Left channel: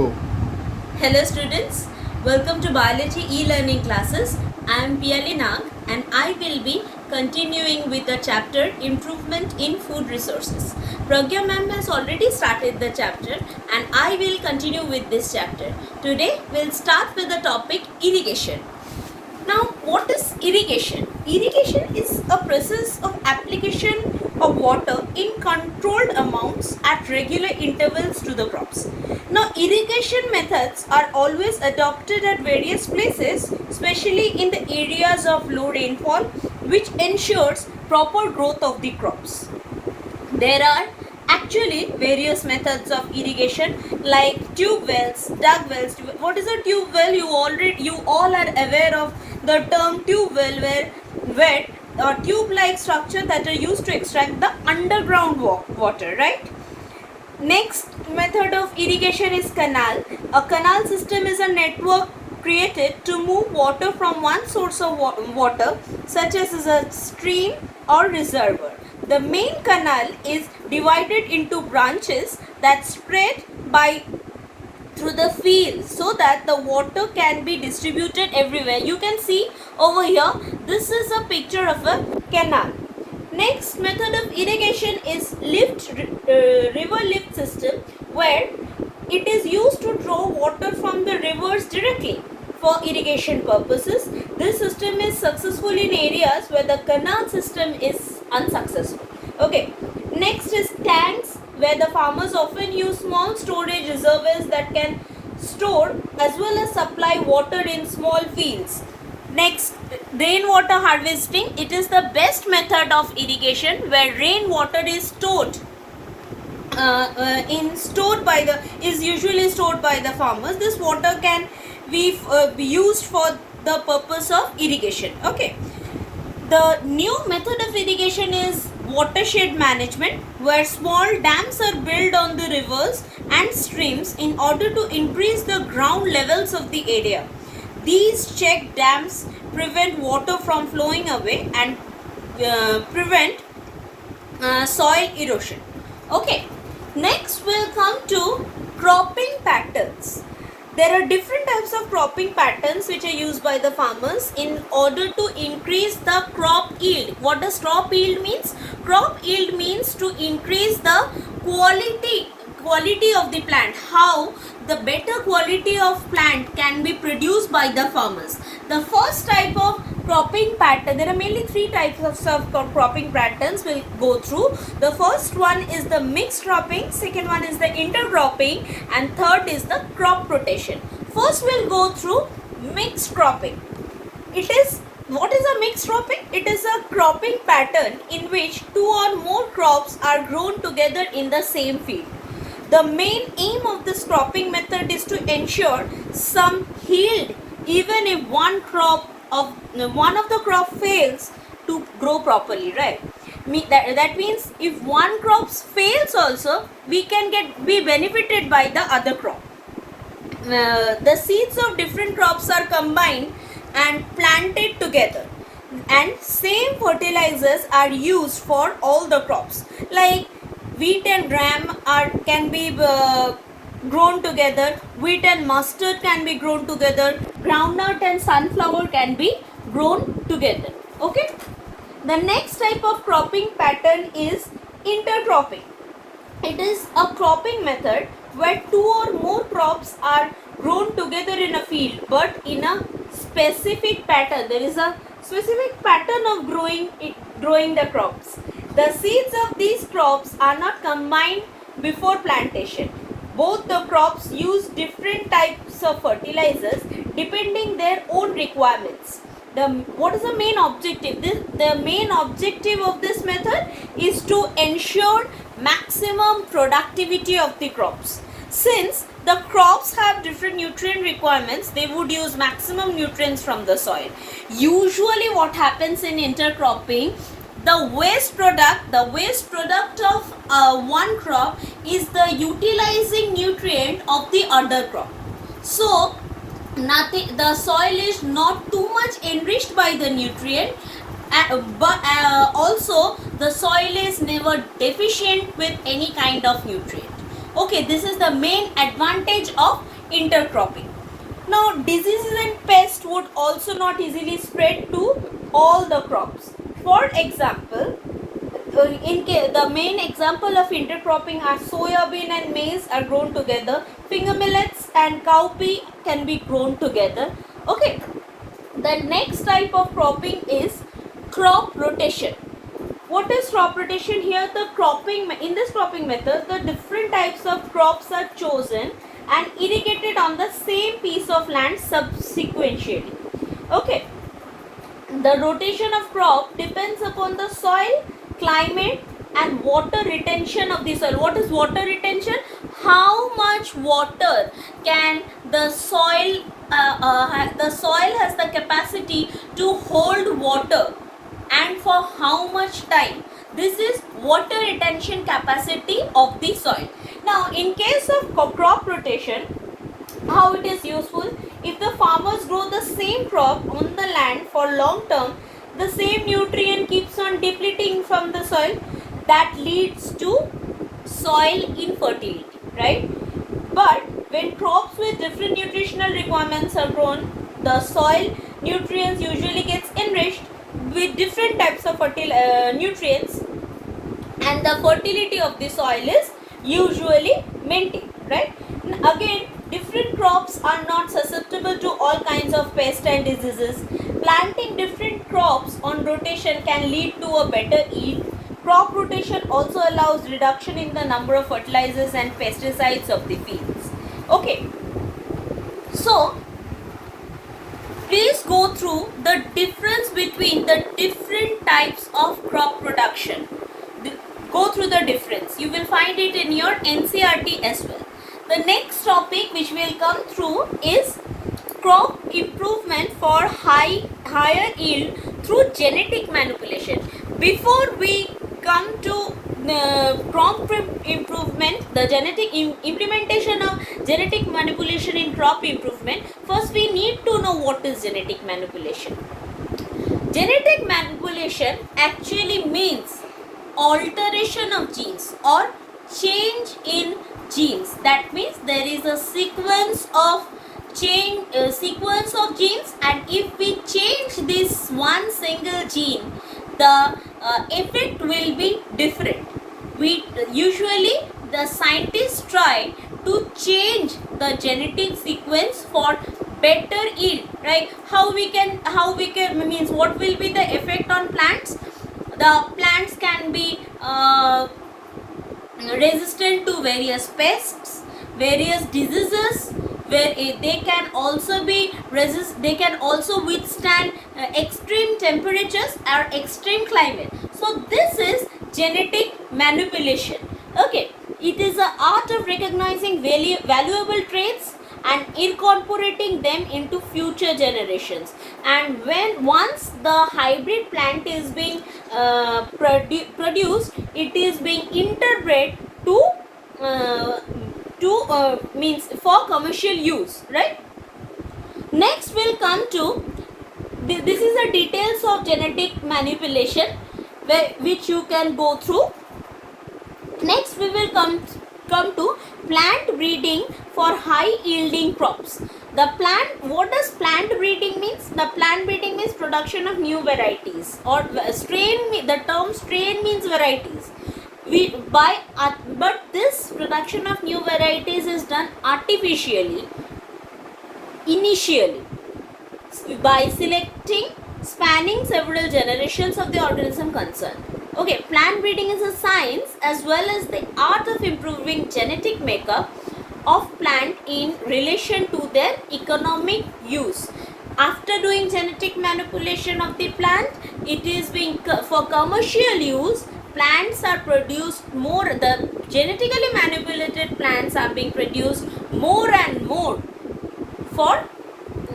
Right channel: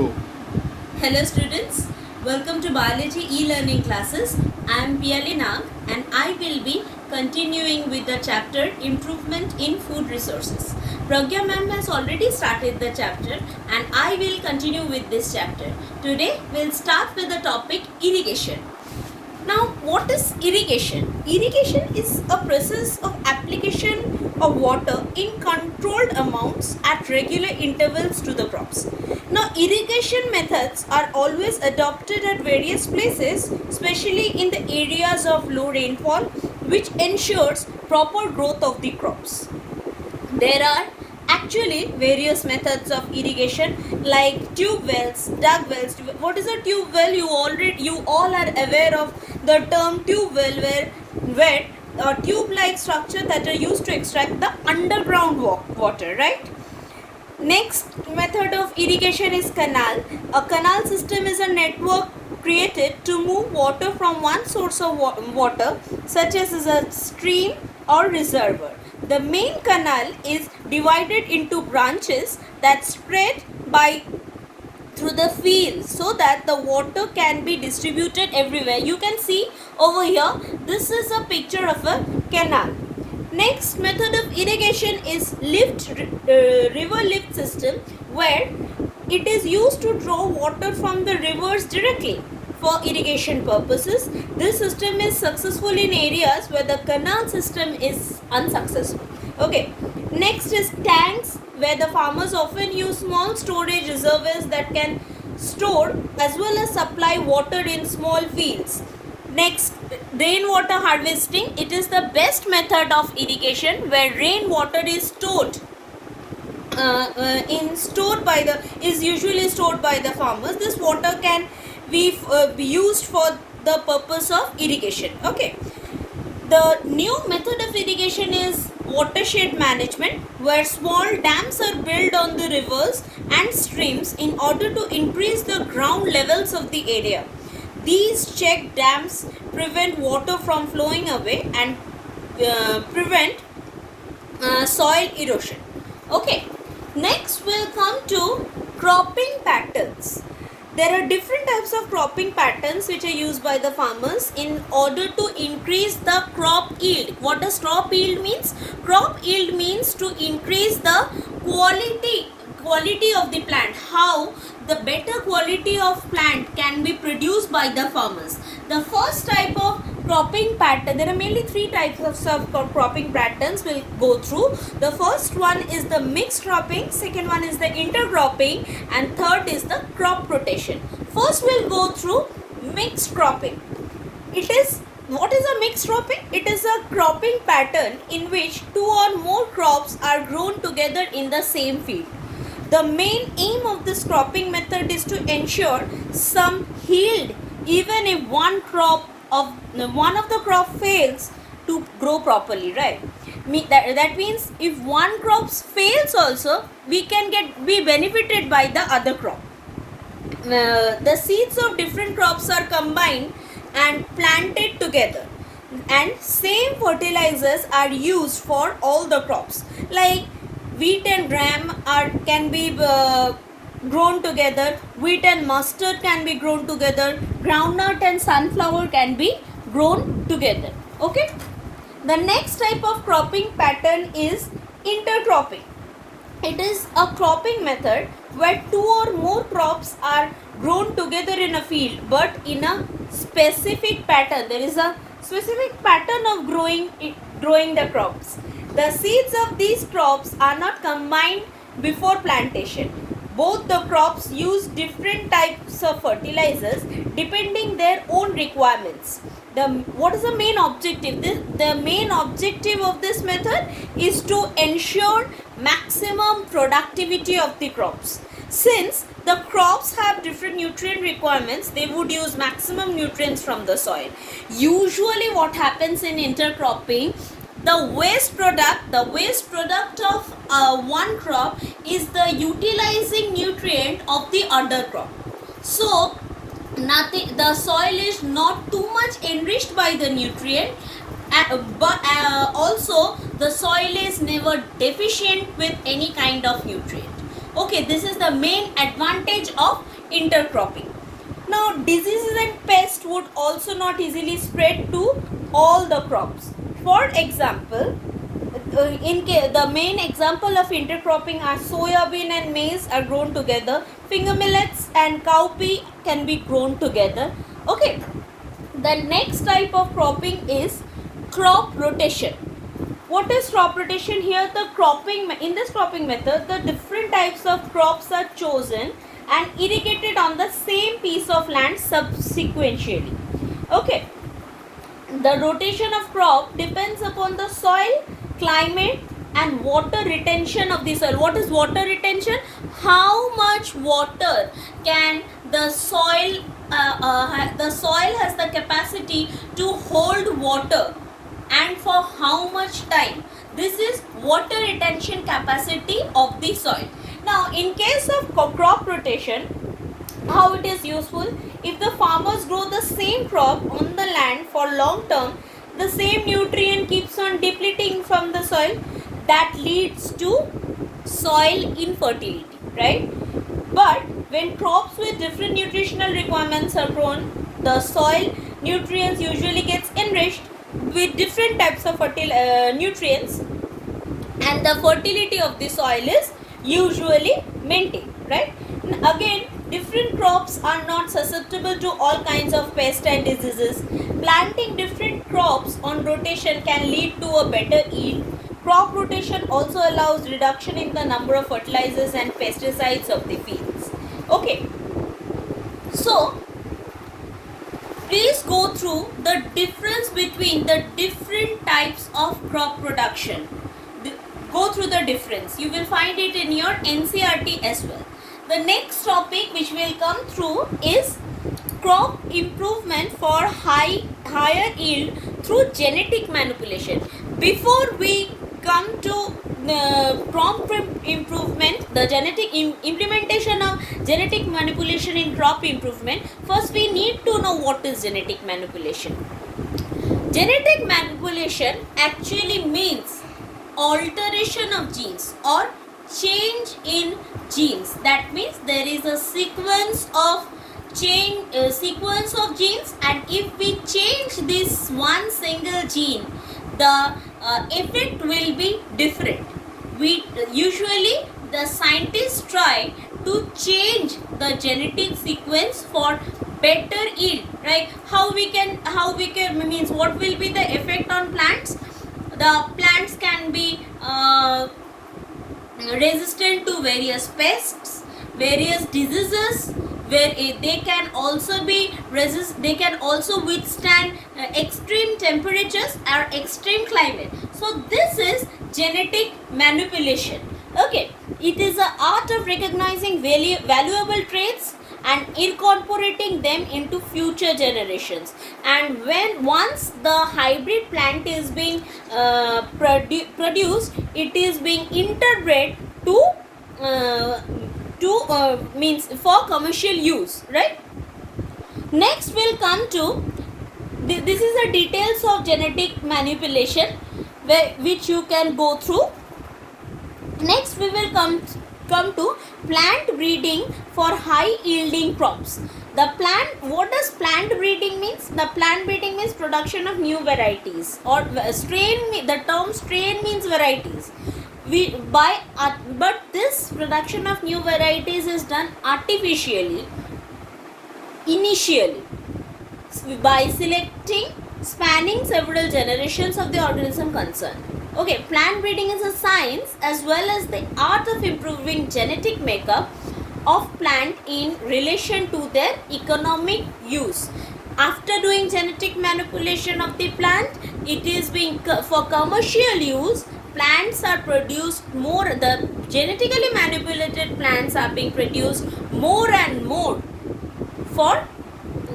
Hello students, welcome to Biology e-learning classes. I am Piyali Nag and I will be continuing with the chapter Improvement in Food Resources. Pragya ma'am has already started the chapter and I will continue with this chapter. Today we'll start with the topic irrigation. Now, what is irrigation? Irrigation is a process of application of water in controlled amounts at regular intervals to the crops. Now, irrigation methods are always adopted at various places, especially in the areas of low rainfall, which ensures proper growth of the crops. There are actually various methods of irrigation like tube wells, dug wells. What is a tube well? You all are aware of the term tube well, where tube-like structure that are used to extract the underground water, right? Next method of irrigation is canal. A canal system is a network created to move water from one source of water, such as a stream or reservoir. The main canal is divided into branches that spread through the field so that the water can be distributed everywhere. You can see over here, this is a picture of a canal. Next method of irrigation is river lift system, where it is used to draw water from the rivers directly for irrigation purposes. This system is successful in areas where the canal system is unsuccessful. Okay. Next is tanks, where the farmers often use small storage reservoirs that can store as well as supply water in small fields. Next, rainwater harvesting. It is the best method of irrigation where rainwater is usually stored by the farmers. This water can be used for the purpose of irrigation. Okay. The new method of irrigation is watershed management, where small dams are built on the rivers and streams in order to increase the ground levels of the area. These check dams prevent water from flowing away and prevent soil erosion. Okay, next we'll come to cropping patterns. There are different types of cropping patterns which are used by the farmers in order to increase the crop yield. What does crop yield means? Crop yield means to increase the quality of the plant. How the better quality of plant can be produced by the farmers. The first type of cropping pattern, there are mainly three types of cropping patterns we'll go through. The first one is the mixed cropping, second one is the intercropping, and third is the crop rotation. First we'll go through mixed cropping. What is a mixed cropping? It is a cropping pattern in which two or more crops are grown together in the same field. The main aim of this cropping method is to ensure some yield even if one of the crop fails to grow properly, right? That means if one crop fails also, we can be benefited by the other crop. The seeds of different crops are combined and planted together, and same fertilizers are used for all the crops. Like wheat and gram can be grown together, wheat and mustard can be grown together, groundnut and sunflower can be grown together. Okay. The next type of cropping pattern is intercropping. It is a cropping method where two or more crops are grown together in a field, but in a specific pattern. There is a specific pattern of growing the crops. The seeds of these crops are not combined before plantation. Both the crops use different types of fertilizers depending their own requirements. What is the main objective? The main objective of this method is to ensure maximum productivity of the crops. Since the crops have different nutrient requirements, they would use maximum nutrients from the soil. Usually what happens in intercropping, the waste product of one crop is the utilizing nutrient of the other crop. So the soil is not too much enriched by the nutrient, but also the soil is never deficient with any kind of nutrient. Okay, this is the main advantage of intercropping. Now, diseases and pests would also not easily spread to all the crops. For example, the main example of intercropping are soya bean and maize are grown together. Finger millets and cowpea can be grown together. Okay. The next type of cropping is crop rotation. What is crop rotation? Here in this cropping method, the different types of crops are chosen and irrigated on the same piece of land subsequently. Okay. The rotation of crop depends upon the soil, climate and water retention of the soil. What is water retention? How much water can the soil has the capacity to hold water and for how much time. This is water retention capacity of the soil. Now, in case of crop rotation, how it is useful? If the farmers grow the same crop on the land for long term, the same nutrient keeps on depleting from the soil. That leads to soil infertility, right? But when crops with different nutritional requirements are grown, the soil nutrients usually gets enriched with different types of nutrients, and the fertility of the soil is usually maintained, right? Again, different crops are not susceptible to all kinds of pests and diseases. Planting different crops on rotation can lead to a better yield. Crop rotation also allows reduction in the number of fertilizers and pesticides of the fields. Okay, so please go through the difference between the different types of crop production. Go through the difference. You will find it in your NCERT as well. The next topic which will come through is crop improvement for higher yield through genetic manipulation. Before we come to crop improvement, the implementation of genetic manipulation in crop improvement, first we need to know what is genetic manipulation. Genetic manipulation actually means alteration of genes or change in genes. That means there is a sequence of genes, and if we change this one single gene, the effect will be different. Usually the scientists try to change the genetic sequence for better yield, right? How we can means what will be the effect on plants? The plants can be resistant to various pests, various diseases, where they can also withstand extreme temperatures or extreme climate. So this is genetic manipulation. Okay, it is an art of recognizing valuable traits and incorporating them into future generations. And once the hybrid plant is being produced, it is being interbred means for commercial use, right? Next we'll come to this is the details of genetic manipulation which you can go through. Next we will come to plant breeding for high yielding crops. What does plant breeding means? The plant breeding means production of new varieties, or the term strain means varieties. But this production of new varieties is done artificially, initially, by spanning several generations of the organism concerned. Okay, plant breeding is a science as well as the art of improving genetic makeup of plant in relation to their economic use. After doing genetic manipulation of the plant, it is being for commercial use. Plants are produced more, the genetically manipulated plants are being produced more and more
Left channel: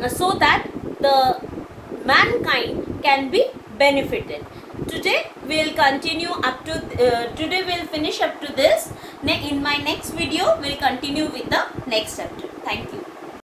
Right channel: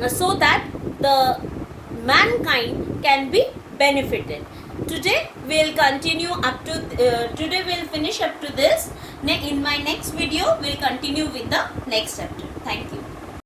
so that the mankind can be benefited. Today we'll continue today we'll finish up to this. In my next video we'll continue with the next chapter. Thank you.